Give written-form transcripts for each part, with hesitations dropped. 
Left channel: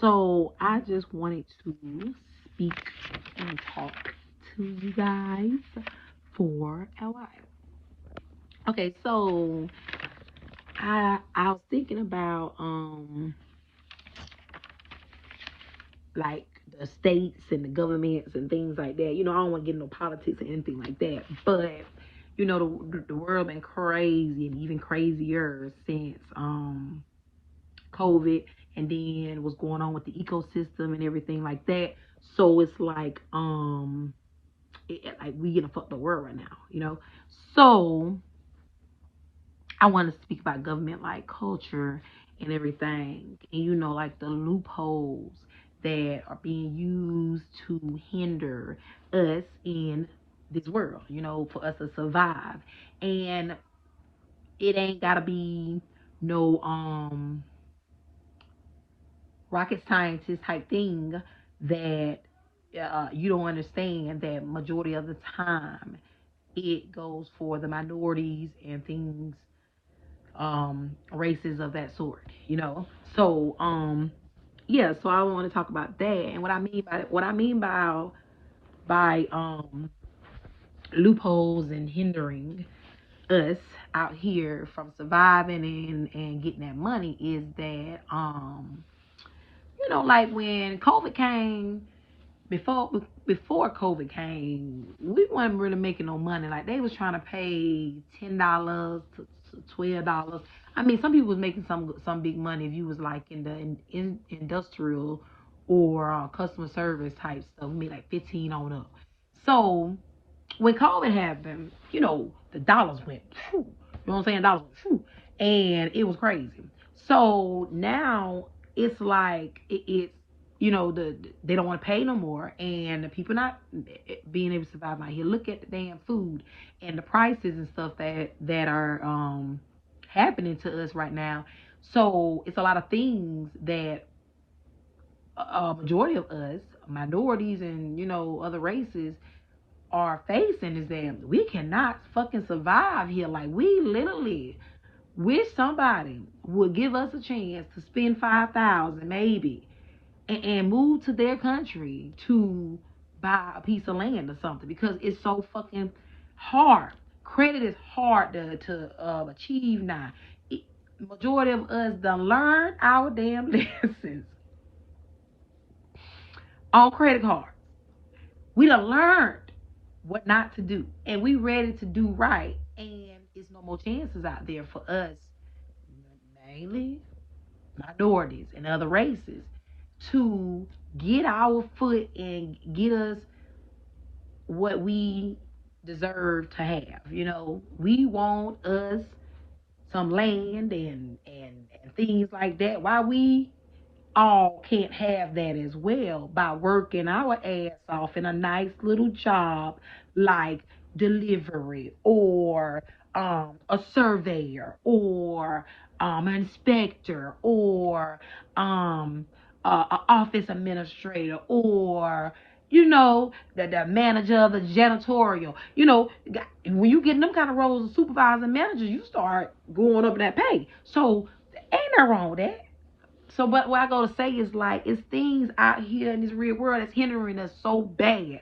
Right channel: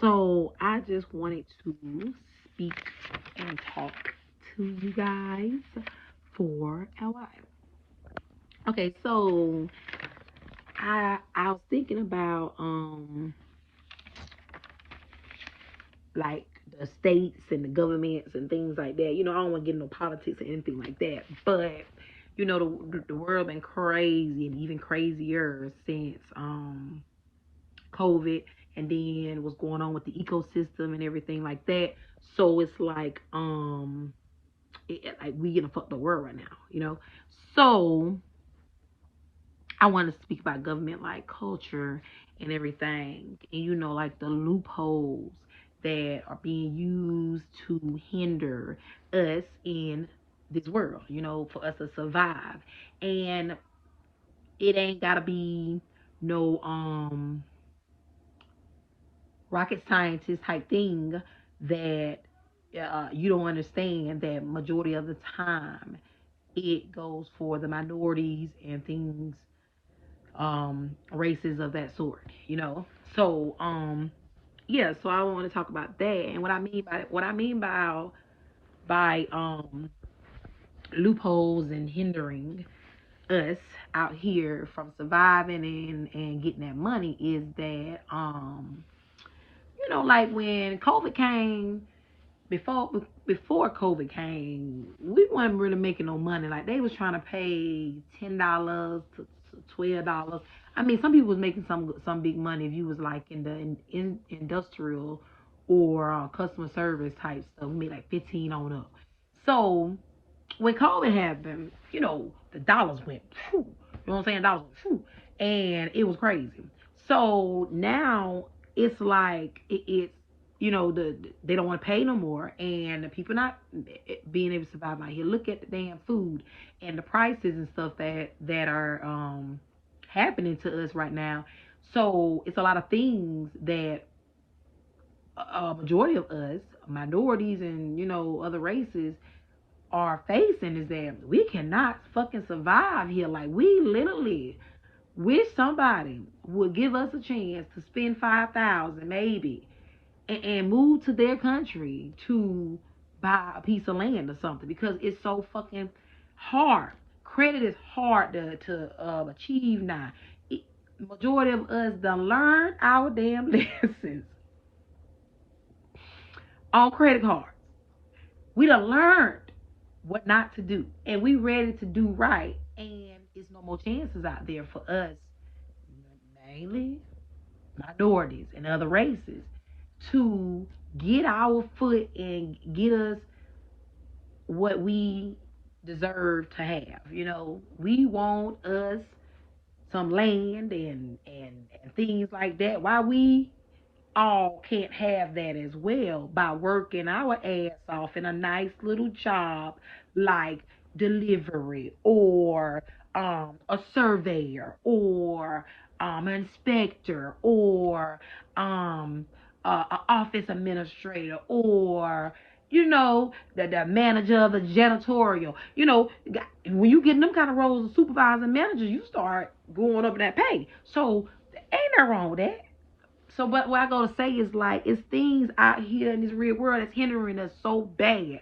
So I just wanted to speak and talk to you guys for a while. Okay, so I was thinking about like the states and the governments and things like that. I don't want to get into politics or anything like that, but the world been crazy and even crazier since COVID, and then what's going on with the ecosystem and everything like that. So it's like we in a fucked up world right now. So I want to speak about government like culture and everything, and like the loopholes that are being used to hinder us in this world, for us to survive. And it ain't gotta be no rocket scientist type thing that you don't understand that majority of the time it goes for the minorities and things, races of that sort. So yeah, so I want to talk about that and what I mean by loopholes and hindering us out here from surviving and getting that money is that like when COVID came, before COVID came, we weren't really making no money. Like they was trying to pay $10 to $12. I mean, some people was making some big money if you was like in the industrial or customer service type stuff, maybe like 15 on up. So when COVID happened, the dollars went, phew, you know what I'm saying? Dollars went, phew, and it was crazy. So now it's like it's they don't want to pay no more, and the people not being able to survive out here. Look at the damn food and the prices and stuff that are happening to us right now. So it's a lot of things that a majority of us, minorities and other races, are facing is that we cannot fucking survive here. Like we literally wish somebody would give us a chance to spend 5,000 maybe and move to their country to buy a piece of land or something because it's so fucking hard. Credit is hard to achieve now. Majority of us done learned our damn lessons on credit cards. We done learned what not to do, and we ready to do right. And it's no more chances out there for us, mainly minorities and other races, to get our foot and get us what we deserve to have. We want us some land and things like that. Why we all can't have that as well by working our ass off in a nice little job like delivery or a surveyor or an inspector or an office administrator or the manager of the janitorial. When you get in them kind of roles of supervisor and manager, you start going up in that pay. So ain't nothing wrong with that. So, but what I gotta say is like, it's things out here in this real world that's hindering us so bad,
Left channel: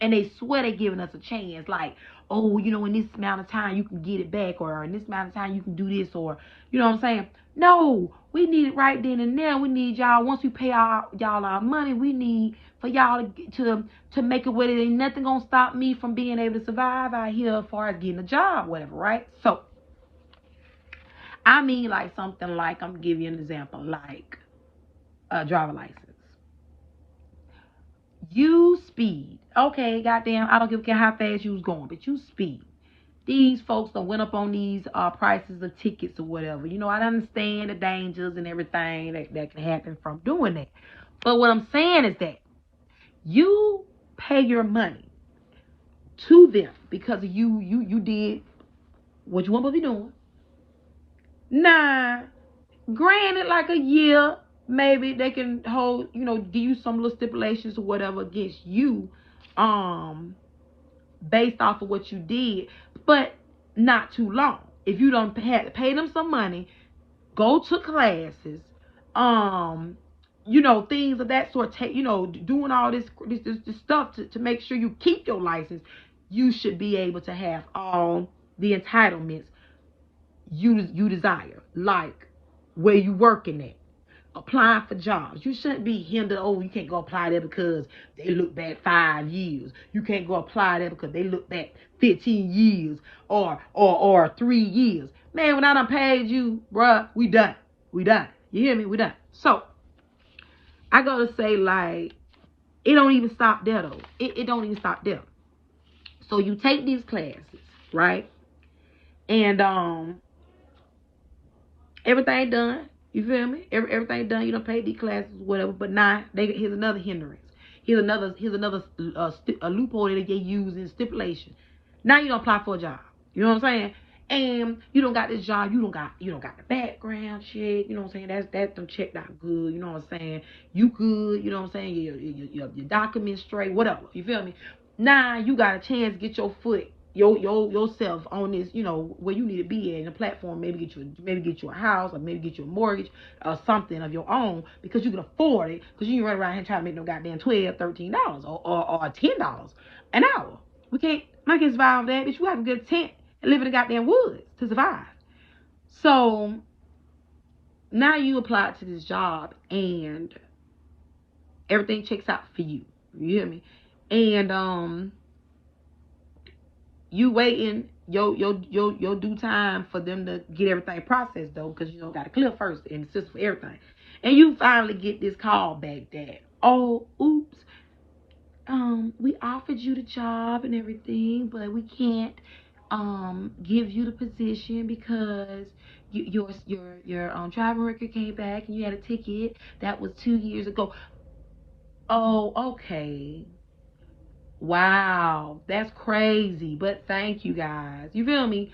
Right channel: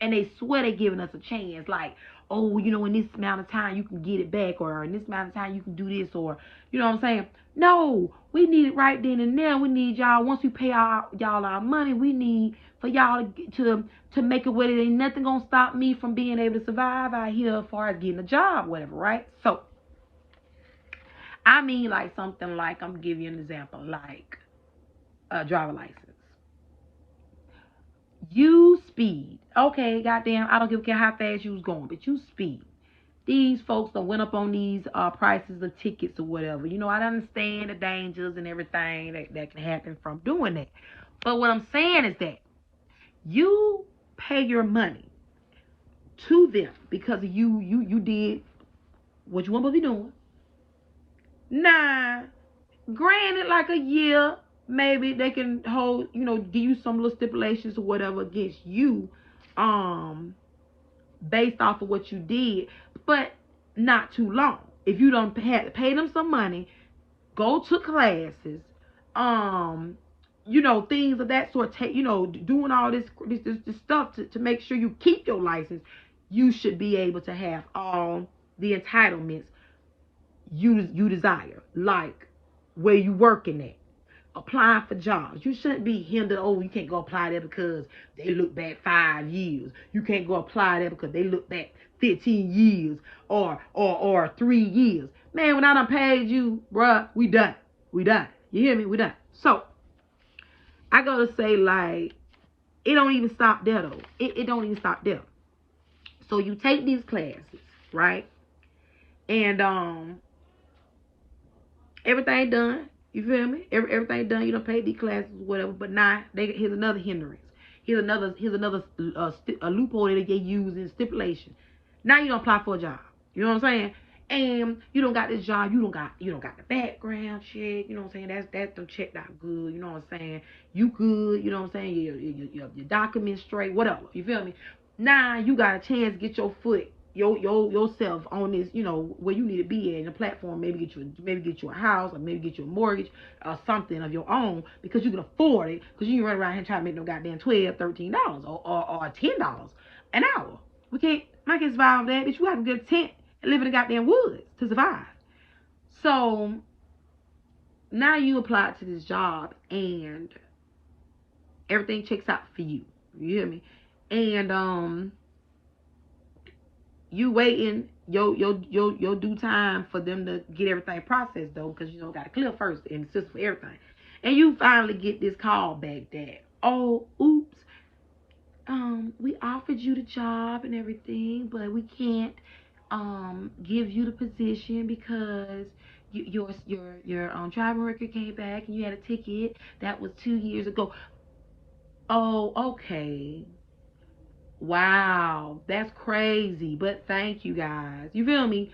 and they swear they're giving us a chance. Like, oh, in this amount of time you can get it back, or in this amount of time you can do this, or what I'm saying? No, we need it right then and there. We need y'all. Once we pay y'all our money, we need for y'all to make it where there ain't nothing gonna stop me from being able to survive out here as far as getting a job, whatever, right? So I mean, like something like, I'm gonna give you an example, like a driver license. You speed, okay? Goddamn, I don't give a care how fast you was going, but you speed. These folks that went up on these prices of tickets or whatever. I understand the dangers and everything that can happen from doing that. But what I'm saying is that you pay your money to them because you did what you want to be doing. Nah, granted, like a year, maybe they can hold, give you some little stipulations or whatever against you, based off of what you did, but not too long. If you don't have to pay them some money, go to classes, things of that sort, doing all this stuff to make sure you keep your license, you should be able to have all the entitlements you desire, like where you working at, applying for jobs. You shouldn't be hindered. Oh, you can't go apply there because they look back 5 years. You can't go apply there because they look back 15 years or 3 years. Man, when I done paid you, bruh, we done. We done. You hear me? We done. So I gotta say, like, it don't even stop there though. It don't even stop there. So you take these classes, right? And everything done. You feel me? Everything done. You don't pay these classes, whatever. But now, here's another hindrance. Here's another loophole that they use in stipulation. Now you don't apply for a job. You know what I'm saying? And you don't got this job. You don't got the background check. You know what I'm saying? That's them checked out good. You know what I'm saying? You good. You know what I'm saying? Your documents straight. Whatever. You feel me? Now you got a chance to get your foot yourself on this, where you need to be in a platform. Maybe get you a house, or maybe get you a mortgage or something of your own, because you can afford it, because you can run around here trying to make no goddamn $12, $13 or $10 an hour. We can't survive that, but you have a good tent and live in the goddamn woods to survive. So now you apply to this job and everything checks out for you. You hear me? And you waiting your due time for them to get everything processed though, because got to clear first and assist for everything. And you finally get this call back that, oh, oops, we offered you the job and everything, but we can't give you the position because your driving record came back and you had a ticket that was 2 years ago. Oh, okay. Wow, that's crazy, but thank you guys. You feel me?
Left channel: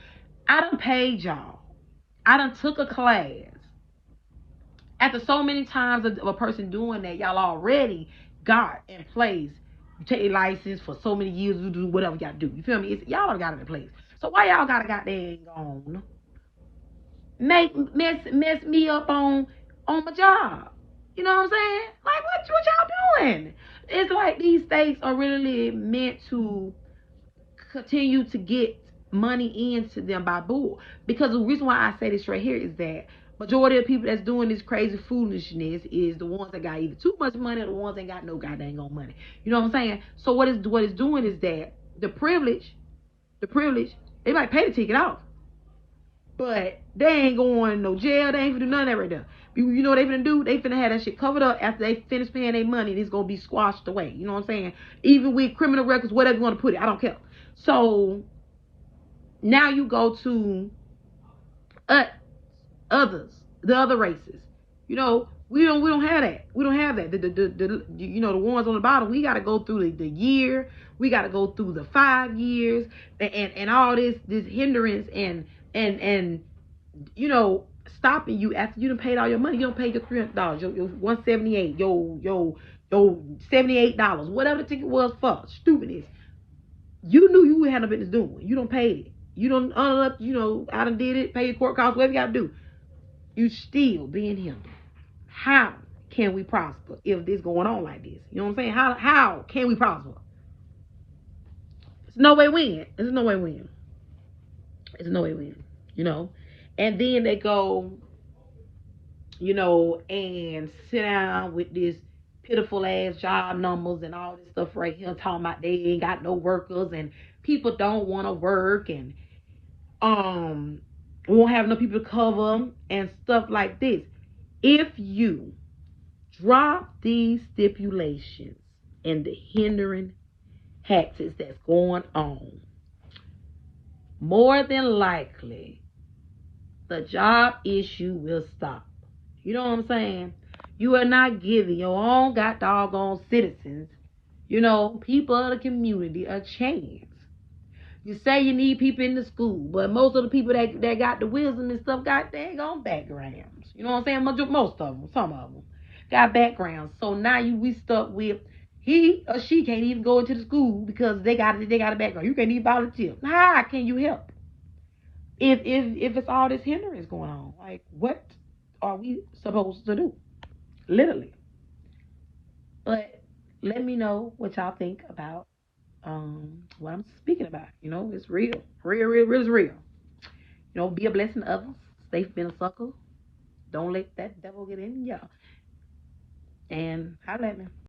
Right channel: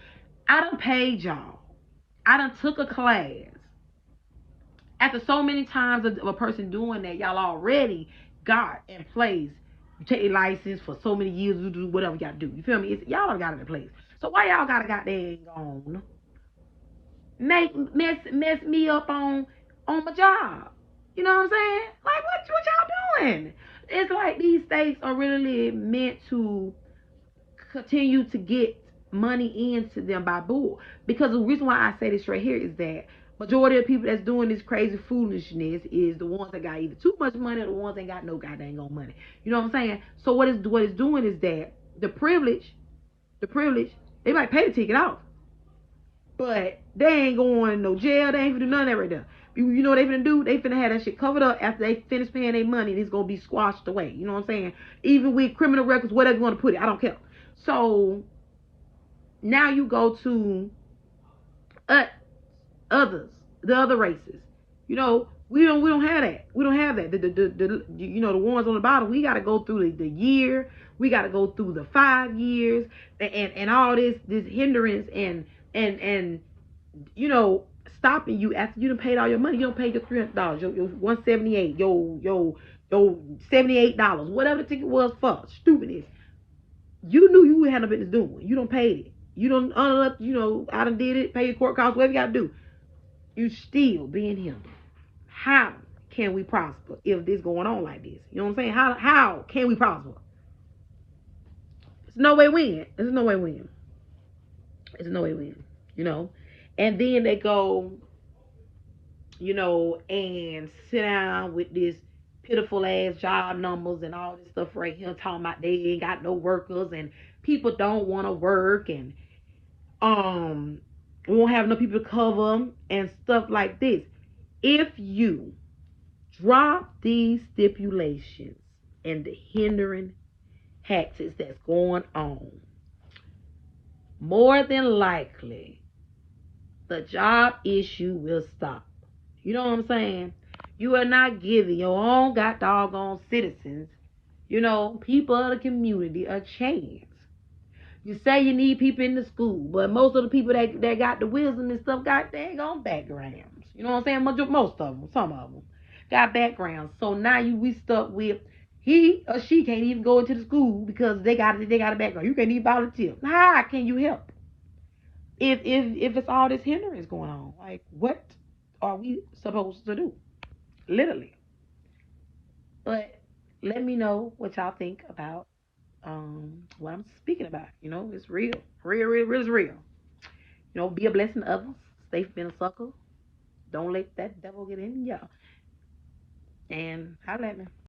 I done paid y'all. I done took a class. After so many times of a person doing that, y'all already got in place. You take your license for so many years, you do whatever you gotta do. You feel me? Y'all done got it in place. So why y'all gotta goddamn mess me up on my job? You know what I'm saying? Like, what y'all doing? It's like these states are really meant to continue to get money into them by bull. Because the reason why I say this right here is that majority of people that's doing this crazy foolishness is the ones that got either too much money or the ones that ain't got no goddamn money. You know what I'm saying? So what it's doing is that the privilege, they might pay the ticket off, but they ain't going to no jail. They ain't finna do none of that right there. You know what they finna do? They finna have that shit covered up after they finish paying their money, and it's gonna be squashed away. You know what I'm saying? Even with criminal records, whatever you want to put it, I don't care. So now you go to the other races. We don't have that. We don't have that. The ones on the bottom, we gotta go through the year. We gotta go through the 5 years and all this hindrance and stopping you after you done paid all your money. You don't pay your $300, your $178, your $78, whatever the ticket was for. Stupidness. You knew you had no business doing. You don't pay it. You don't I done did it, pay your court costs, whatever you gotta do. You still being hindered. How can we prosper if this going on like this? You know what I'm saying? How can we prosper? It's no way win. There's no way win. It's no way win. And then they go, and sit down with this pitiful ass job numbers and all this stuff right here, talking about they ain't got no workers and people don't want to work and won't have no people to cover them and stuff like this. If you drop these stipulations and the hindering tactics that's going on, more than likely the job issue will stop. You know what I'm saying? You are not giving your own got doggone citizens, people of the community, a chance. You say you need people in the school, but most of the people that got the wisdom and stuff got daggone backgrounds. You know what I'm saying? Most of them, some of them got backgrounds. So now we stuck with he or she can't even go into the school because they got a background. You can't even volunteer. How can you help? If it's all this hindrance going on, like, what are we supposed to do? Literally. But let me know what y'all think about what I'm speaking about. You know, it's real. Real is real. You know, be a blessing to others. Stay from being a sucker. Don't let that devil get in y'all. And holla at me.